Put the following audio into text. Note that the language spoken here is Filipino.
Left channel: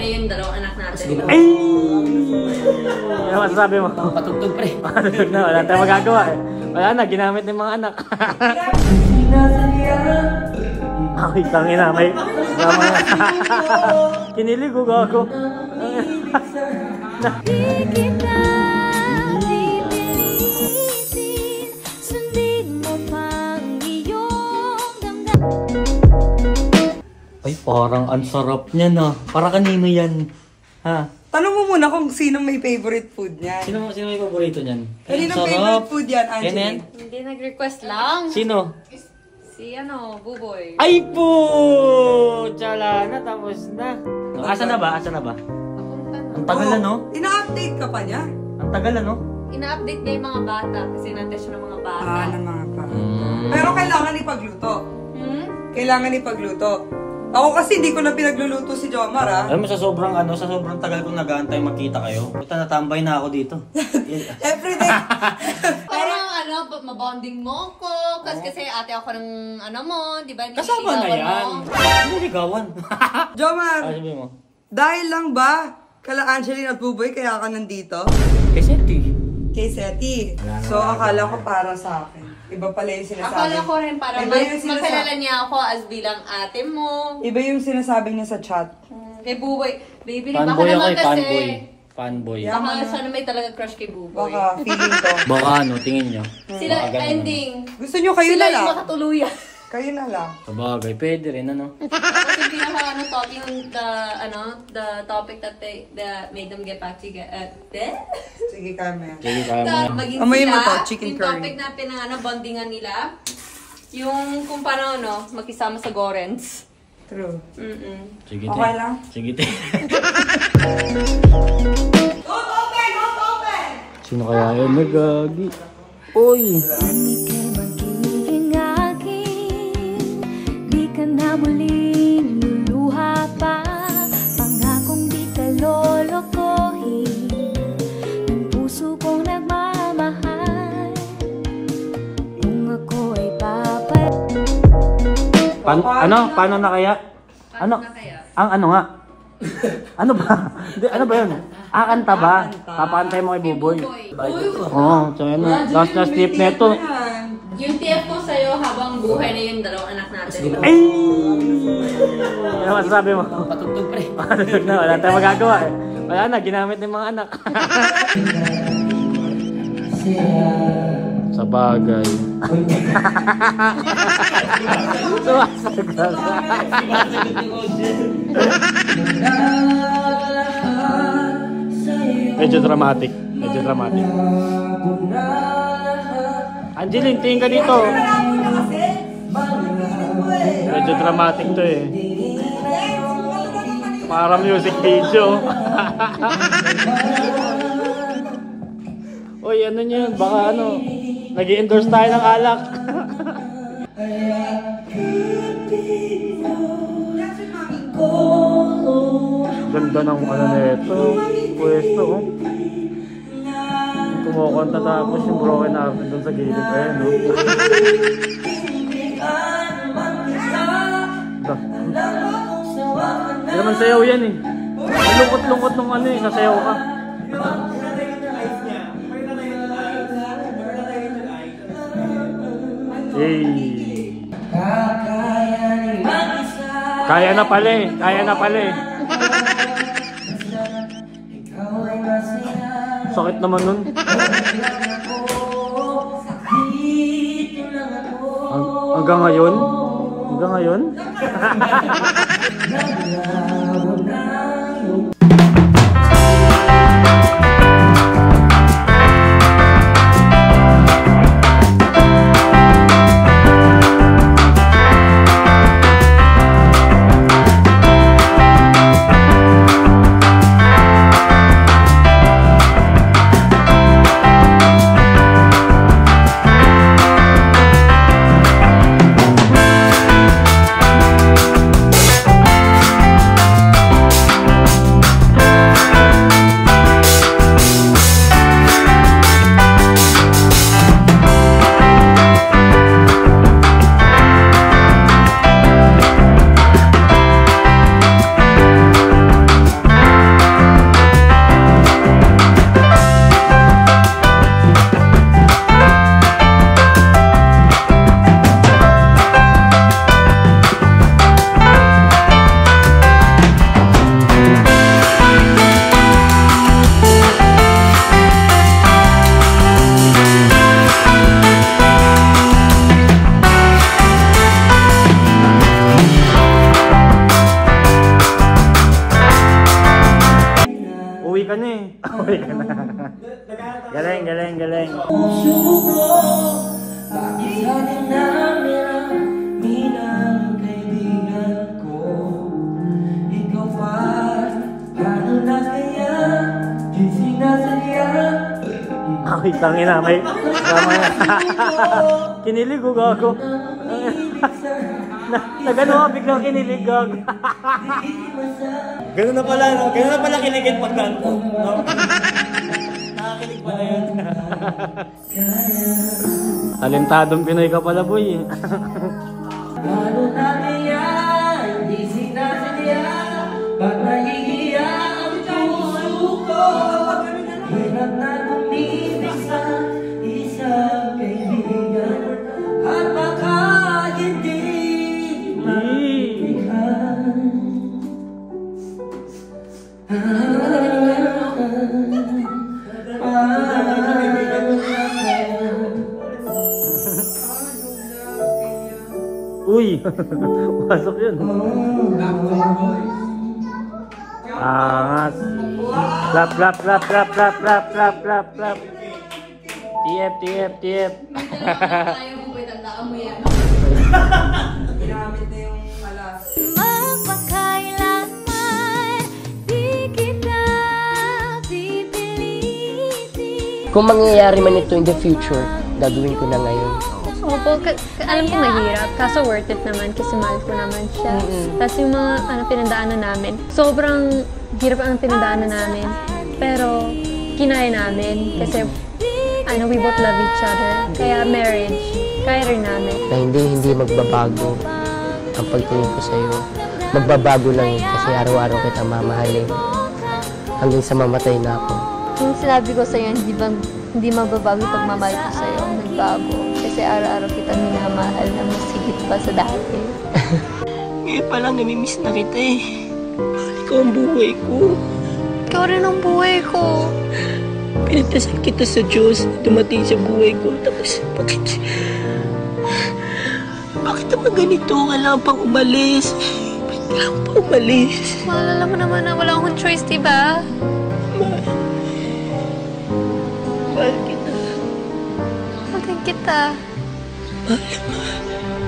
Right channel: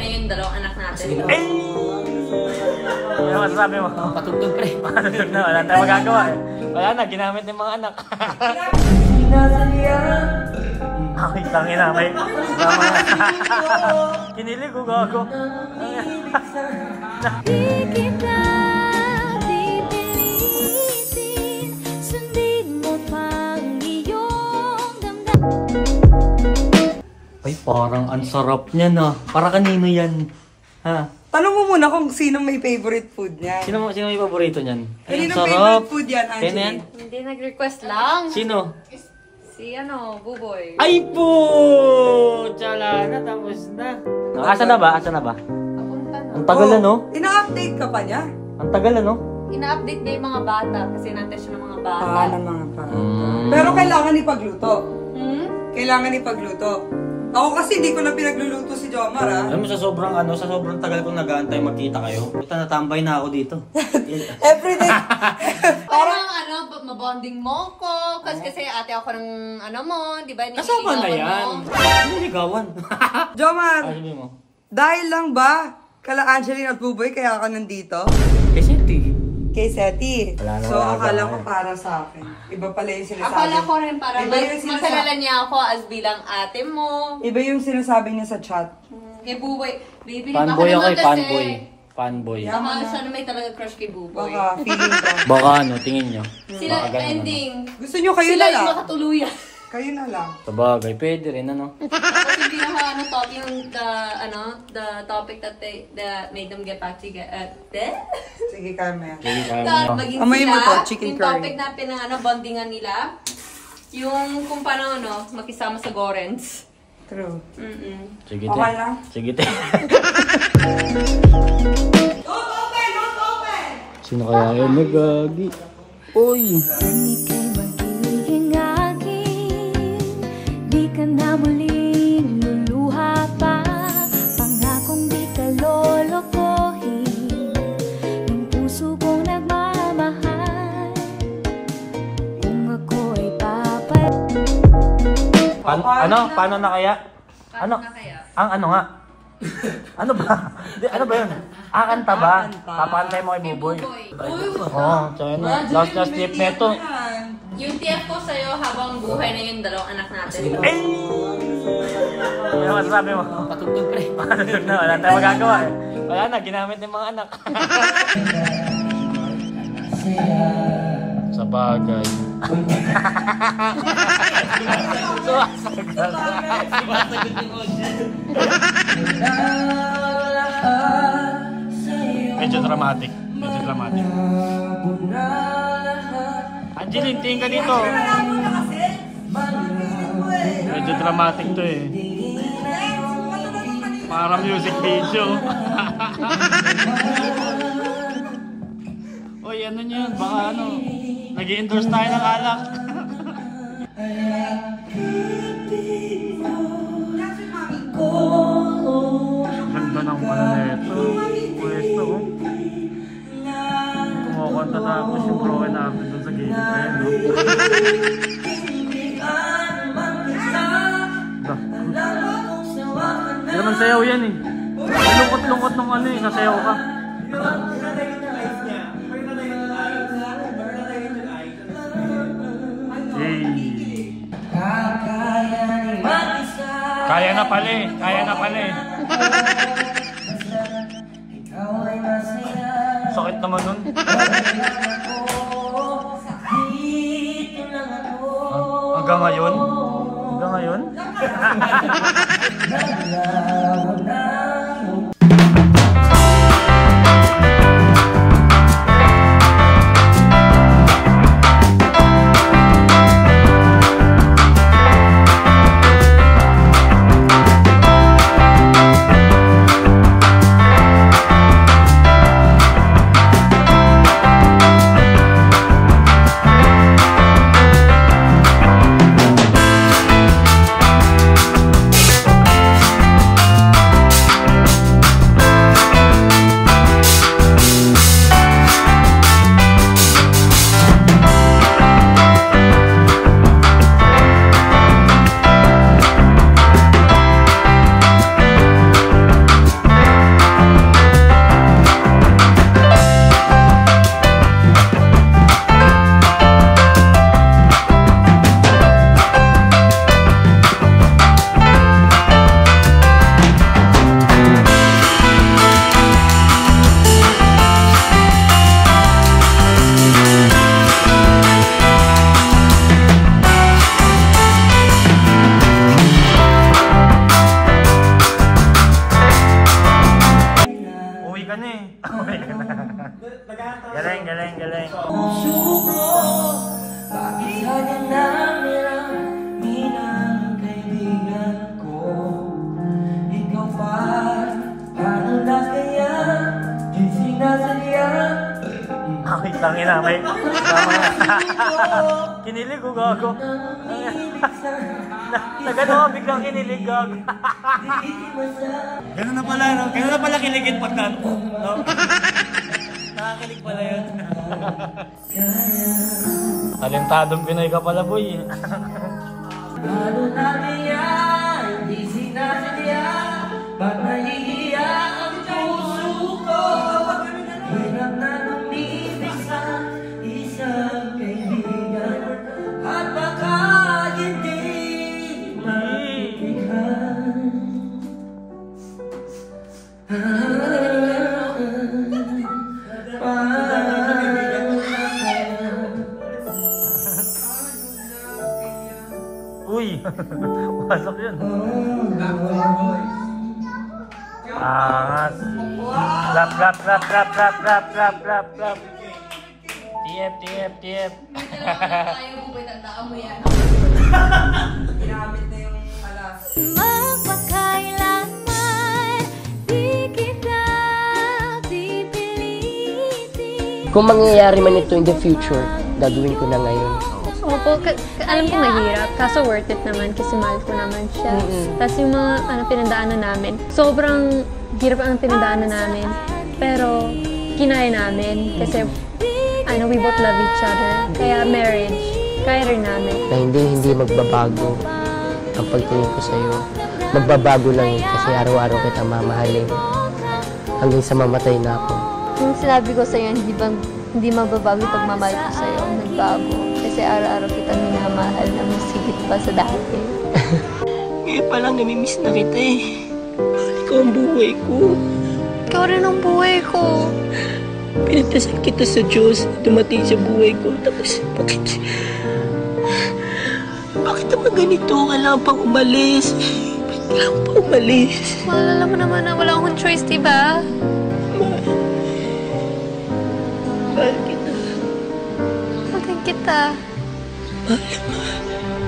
na yung dalawang anak natin. Ay! Ano masasabi mo? Patugtog pre. Patugtog na, wala tayong magagawa. Wala na, ginamit ng mga anak. Ay, tangina, may... Kinilig ko gago. Di kita pipilitin, sundin mo pang iyong damdamin. Ay, parang ang sarap niya na. Para kanino yan? Ha? Tanong mo muna kung sino may favorite food niya. Sino may paborito niyan? Ay, Kanino favorite food yan, Angeline? Hindi nag-request lang. Sino? Si Buboy. Ay po! Tsala na, tapos na. Asa na ba? Papunta na. Ang tagal na, no? Ina-update ka pa niya? Ang tagal na, no? Ina-update niya yung mga bata kasi nantes siya ng mga bata. Ng mga bata. Pero kailangan ipagluto. Hmm? Kailangan ipagluto. Ako kasi hindi ko na pinagluluto si Jomar, ha? Alam mo, sa sobrang tagal kong nag-aantay magkita kayo. Puta, natambay na ako dito. Everyday. Parang mabonding mo ko. Kasi ate ako ng mo, di ba? Kasama na yan. Hindi ligawan. Jomar, Sabi mo. dahil lang ba kala Angeline at Buboy kaya ka nandito? Seti. Kay Seti. Wala na, So, wala akala na. ko para sa akin. Iba pala yung sinasabi. Akala ko rin para Iba yung sinasabi. makalala niya ako as bilang ate mo. Iba yung sinasabi niya sa chat. Kay Buboy. Baby, Fanboy ako baka naman eh, fanboy. Yeah. Baka siya na may talaga crush kay Buboy. Baka feeling ko. Baka ano, tingin nyo. Sila Baka ganun, ending. Gusto nyo kayo Sila na yung lang. makatuluyan. Kayo na lang. Sabagay, pwede rin ano. Tapos yung pinaka topic yung the topic that made them get back together. Sige, Carmen. Sige, kaya mo. Maging Amoy mo sila, to, chicken yung curry. topic na bondingan nila, yung kung paano makisama sa Gorens. True. Sige, Okay lang? Sige, te. Sino kaya yun? Nagagi. Uy! Ika'y magiging akin, di ka na muling luluha pa. Pangakong di ka lolokohin, ng puso kong nagmamahal. Kung ako ay Paano na kaya? Paano na kaya? Ang ano nga? Ano ba? Ano ba yun? Kanta ba? Papantay mo kay Buboy. Oo, sabi mo. Last tip neto. Yung TF ko sa'yo habang buhay na yung dalawang anak natin. Ay! Ano masasabi mo? Patugtog pre. Patugtog na, wala tayong magagawa. Wala na, ginamit ng mga anak. Sa bagay. Medyo dramatic. Angeline, tingin ka dito. Medyo dramatic to eh. Para music video. Uy, ano nyo yun? Baka ano, nag-i-endorse tayo ng alak. Ganda ng ano nito. Pwesto, oh. Kumakanta tapos yung broken apple dun sa gilid. Ayan, no? Hindi naman sayaw yan eh. Lungkot-lungkot nung ano eh, sasayaw ka. Hey. Kaya na pala eh. Sakit naman nun. Hanggang ngayon? Puso ko, bakit sa dinami-rami ng kaibigan ko? Ikaw pa, paano na kaya di sinasadya? Ay, tangina, may... Kinilig ko, gago. Nagano ako, biglang kinilig, gago. Ganun na pala, no? Ganun na pala kiligin pagkanto, no? Nakakilig pala yun. Talentadong Pinoy ka pala, boy. Paano na kaya di sinasadya? Pag nahihiya ang puso ko, hirap na lumibig sa isang kaibigan. At baka hindi maibigan. Uy! Pasok yun. Angas. Clap, clap, clap, clap, clap, clap, clap, clap, clap. Tiep, tiep, tiep. May dalawa na tayo, buboy, tandaan mo yan. Ginamit na yung alas. Magpakailanman di kita pipilitin. Kung mangyayari man ito in the future, gagawin ko na ngayon. Opo, alam ko mahirap, kaso worth it naman kasi mahal ko naman siya. Tapos yung mga pinagdaanan namin, sobrang hirap ang pinagdaanan namin. Pero kinaya namin kasi we both love each other. Kaya marriage, kaya rin namin. Na hindi magbabago ang pagtingin ko sa'yo. Magbabago lang yun kasi araw-araw kita mamahalin. Hanggang sa mamatay na ako. Yung sinabi ko sa'yo, hindi magbabago yung pagmamahal ko sa'yo, nagbago. Kasi araw-araw kita minamahal na mas higit pa sa dati. Ngayon pa lang namimiss na kita eh. Ikaw ang buhay ko. Ikaw rin ang buhay ko. Pinagdasal kita sa Diyos na dumating sa buhay ko. Tapos, bakit naman ganito? Kailangan pang umalis. Kailangan pang umalis. Maalala mo naman na wala akong choice, diba? Mahal kita. Mahal kita. Mahal.